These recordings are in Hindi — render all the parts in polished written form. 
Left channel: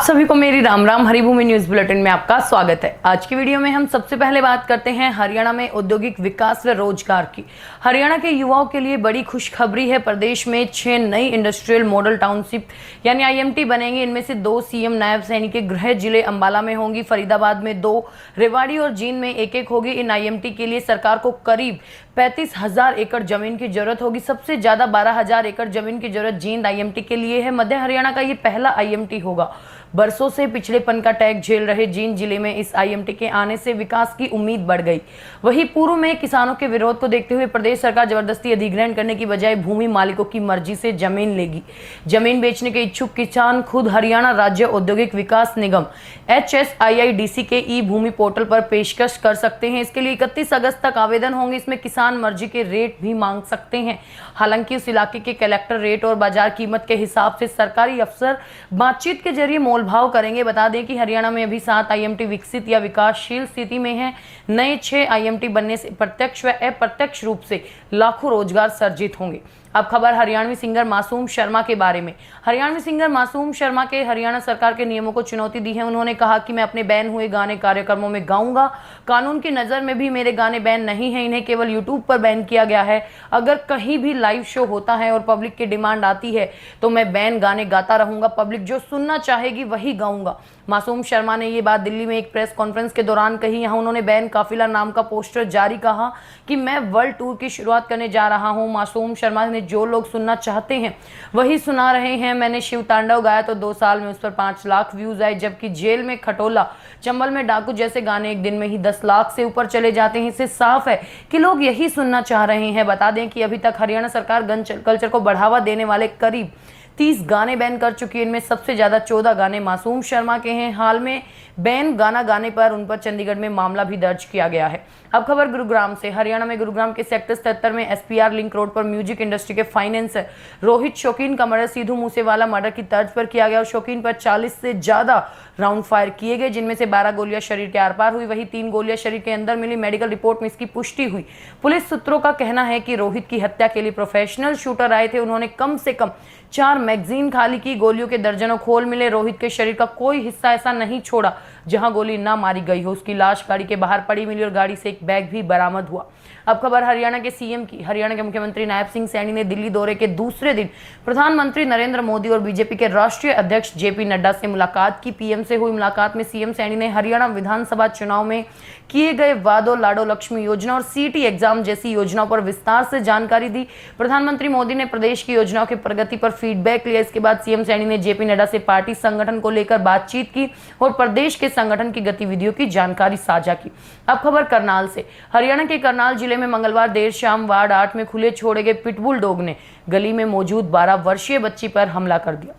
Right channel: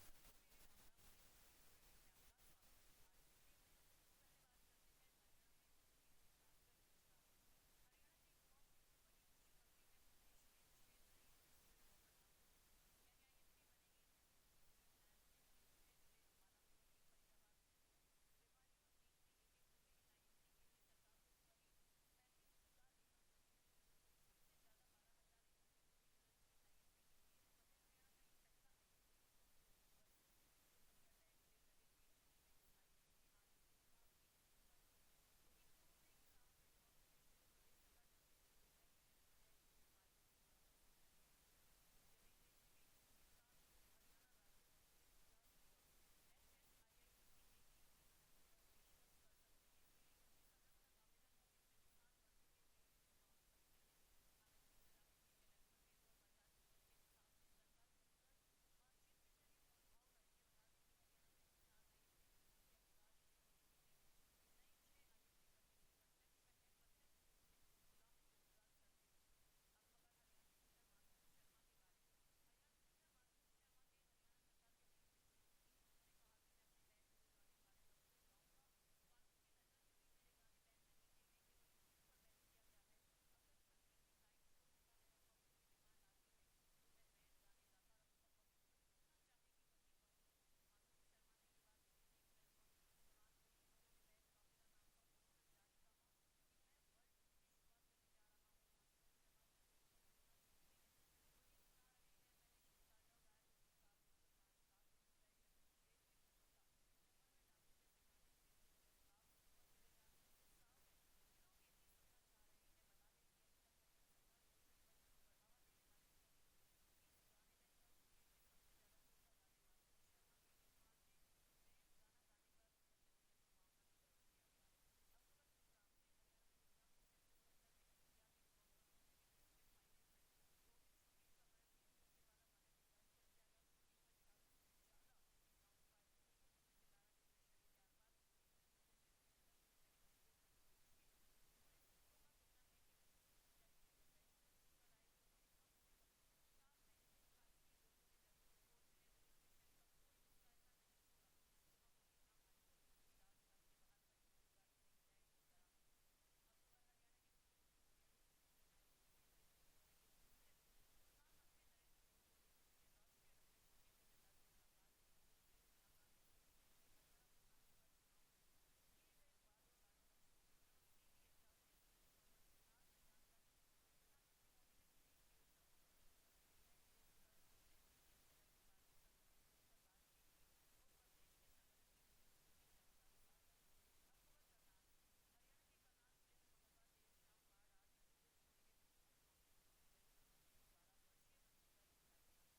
आप सभी को मेरी राम राम। हरिभूमि न्यूज बुलेटिन में आपका स्वागत है। आज की वीडियो में हम सबसे पहले बात करते हैं हरियाणा में औद्योगिक विकास व रोजगार की। हरियाणा के युवाओं के लिए बड़ी खुशखबरी है। प्रदेश में 6 नई इंडस्ट्रियल मॉडल टाउनशिप यानी आईएमटी बनेंगे। इनमें से 2 सीएम नायब सैनिक के गृह जिले अंबाला में होंगी, फरीदाबाद में 2, रेवाड़ी और जींद में एक होगी। इन आईएमटी के लिए सरकार को करीब 35,000 एकड़ जमीन की जरूरत होगी। सबसे ज्यादा 12,000 एकड़ जमीन की जरूरत जींद आईएमटी के लिए है। मध्य हरियाणा का ये पहला आईएमटी होगा। बरसों से पिछड़ेपन का टैग झेल रहे जींद जिले में इस आईएमटी के आने से विकास की उम्मीद बढ़ गई। वहीं पूर्व में किसानों के विरोध को देखते हुए प्रदेश सरकार जबरदस्ती अधिग्रहण करने की बजाय भूमि मालिकों की मर्जी से जमीन लेगी। जमीन बेचने के इच्छुक किसान खुद हरियाणा राज्य औद्योगिक विकास निगम HSIIDC के ई भूमि पोर्टल पर पेशकश कर सकते हैं। इसके लिए 31 अगस्त तक आवेदन होंगे। इसमें किसान मर्जी के रेट भी मांग सकते हैं। हालांकि उस इलाके के कलेक्टर रेट और बाजार कीमत के हिसाब से सरकारी अफसर बातचीत के जरिए मोलभाव करेंगे। बता दें कि हरियाणा में अभी 7 आईएमटी विकसित या विकासशील स्थिति में है। नए 6 आईएमटी बनने से प्रत्यक्ष व अप्रत्यक्ष रूप से लाखों रोजगार सर्जित होंगे। अब खबर हरियाणवी सिंगर मासूम शर्मा के बारे में। हरियाणवी सिंगर मासूम शर्मा के हरियाणा सरकार के नियमों को चुनौती दी है। उन्होंने कहा कि मैं अपने बैन हुए गाने कार्यक्रमों में गाऊंगा। कानून की नज़र में भी मेरे गाने बैन नहीं है। इन्हें केवल यूट्यूब पर बैन किया गया है। अगर कहीं भी लाइव शो होता है और पब्लिक की डिमांड आती है तो मैं बैन गाने गाता रहूंगा। पब्लिक जो सुनना चाहेगी वही गाऊंगा। मासूम शर्मा ने ये बात दिल्ली में एक प्रेस कॉन्फ्रेंस के दौरान कही। यहाँ उन्होंने बैन काफिला नाम का पोस्टर जारी कहा कि मैं वर्ल्ड टूर की शुरुआत करने जा रहा हूँ। मासूम शर्मा ने जो लोग सुनना चाहते हैं वही सुना रहे हैं। मैंने शिव तांडव गाया तो 2 साल में उस पर 5 लाख व्यूज आए, जबकि जेल में खटोला, चंबल में डाकू जैसे गाने एक दिन में ही 10 लाख से ऊपर चले जाते हैं। इससे साफ है कि लोग यही सुनना चाह रहे हैं। बता दें कि अभी तक हरियाणा सरकार गन कल्चर को बढ़ावा देने वाले करीब 30 गाने बैन कर चुकी है। इनमें सबसे ज्यादा 14 गाने मासूम शर्मा के हैं। हाल में बैन गाना गाने पर उन पर चंडीगढ़ में मामला भी दर्ज किया गया है। अब खबर गुरुग्राम से। हरियाणा में गुरुग्राम के सेक्टर 77 में SPR लिंक रोड पर म्यूजिक इंडस्ट्री के फाइनेंसर रोहित शौकीन का मर्डर सीधू मूसेवाला मर्डर की तर्ज पर किया गया और शौकीन पर 40 से ज्यादा राउंड फायर किए गए, जिनमें से 12 गोलियां शरीर के आर पार हुई। वहीं 3 गोलियां शरीर के अंदर मिली। मेडिकल रिपोर्ट में इसकी पुष्टि हुई। पुलिस सूत्रों का कहना है कि रोहित की हत्या के लिए प्रोफेशनल शूटर आए थे। उन्होंने कम से कम 4 मैगजीन खाली की। गोलियों के दर्जनों खोल मिले। रोहित के शरीर का कोई हिस्सा ऐसा नहीं छोड़ा जहां गोली ना मारी गई हो। उसकी लाश गाड़ी के बाहर पड़ी मिली और गाड़ी से एक बैग भी बरामद हुआ। अब खबर हरियाणा के सीएम की। हरियाणा के मुख्यमंत्री नायब सिंह सैनी ने दिल्ली दौरे के दूसरे दिन प्रधानमंत्री नरेंद्र मोदी और बीजेपी के राष्ट्रीय अध्यक्ष JP नड्डा से मुलाकात की। पीएम से हुई मुलाकात में सीएम सैनी ने हरियाणा विधानसभा चुनाव में किए गए वादों, लाडो लक्ष्मी योजना और CT एग्जाम जैसी योजनाओं पर विस्तार से जानकारी दी। प्रधानमंत्री मोदी ने प्रदेश की योजनाओं की प्रगति पर फीडबैक लिया। इसके बाद सीएम सैनी ने JP नड्डा से पार्टी संगठन को लेकर बातचीत की और प्रदेश के संगठन की गतिविधियों की जानकारी साझा की। अब खबर करनाल से। हरियाणा के करनाल जिले में मंगलवार देर शाम वार्ड 8 में खुले छोड़े गए पिटबुल डॉग ने गली में मौजूद 12 वर्षीय बच्ची पर हमला कर दिया।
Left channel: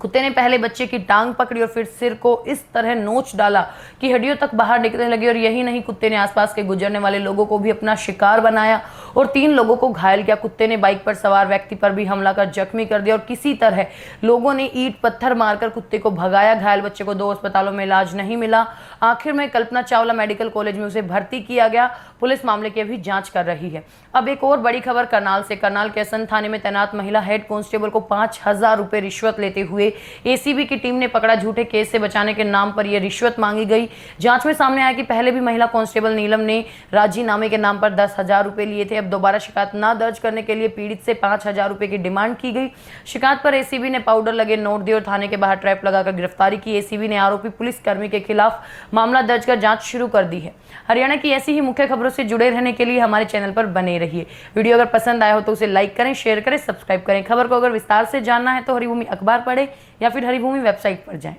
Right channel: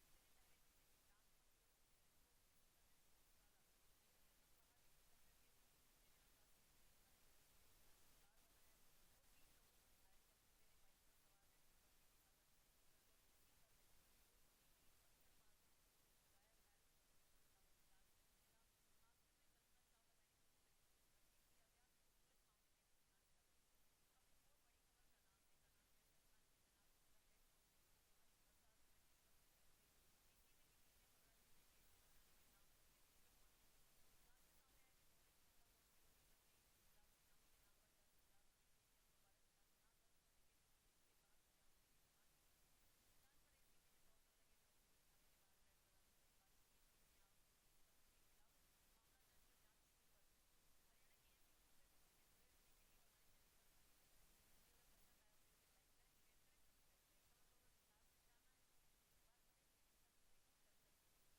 कुत्ते ने पहले बच्चे की टांग पकड़ी और फिर सिर को इस तरह नोच डाला कि हड्डियों तक बाहर निकलने लगी। और यही नहीं, कुत्ते ने आसपास के गुजरने वाले लोगों को भी अपना शिकार बनाया और 3 लोगों को घायल किया। कुत्ते ने बाइक पर सवार व्यक्ति पर भी हमला कर जख्मी कर दिया और किसी तरह लोगों ने ईंट पत्थर मारकर कुत्ते को भगाया। घायल बच्चे को 2 अस्पतालों में इलाज नहीं मिला। आखिर में कल्पना चावला मेडिकल कॉलेज में उसे भर्ती किया गया। पुलिस मामले की अभी जांच कर रही है। अब एक और बड़ी खबर करनाल से। करनाल के असंध थाने में तैनात महिला हेड कांस्टेबल को 5,000 रुपए रिश्वत लेते हुए ACB की टीम ने पकड़ा। झूठे केस से बचाने के नाम पर यह रिश्वत मांगी गई। जांच में सामने आया कि पहले भी महिला कांस्टेबल नीलम ने राजीनामे के नाम पर 10,000 रुपए लिए थे। अब दोबारा शिकायत न दर्ज करने के लिए पीड़ित से 5,000 रुपए की डिमांड की गई। शिकायत पर ACB ने पाउडर लगे नोट दिए और थाने के बाहर ट्रैप लगाकर गिरफ्तारी की। ACB ने आरोपी पुलिसकर्मी के खिलाफ मामला दर्ज कर जांच शुरू कर दी है। हरियाणा की ऐसी ही मुख्य खबरों से जुड़े रहने के लिए हमारे चैनल पर बने रहिए। वीडियो अगर पसंद आया हो तो उसे लाइक करें, शेयर करें, सब्सक्राइब करें। खबर को अगर विस्तार से जानना है तो हरिभूमि अखबार पढ़ें या फिर हरिभूमि वेबसाइट पर जाएं।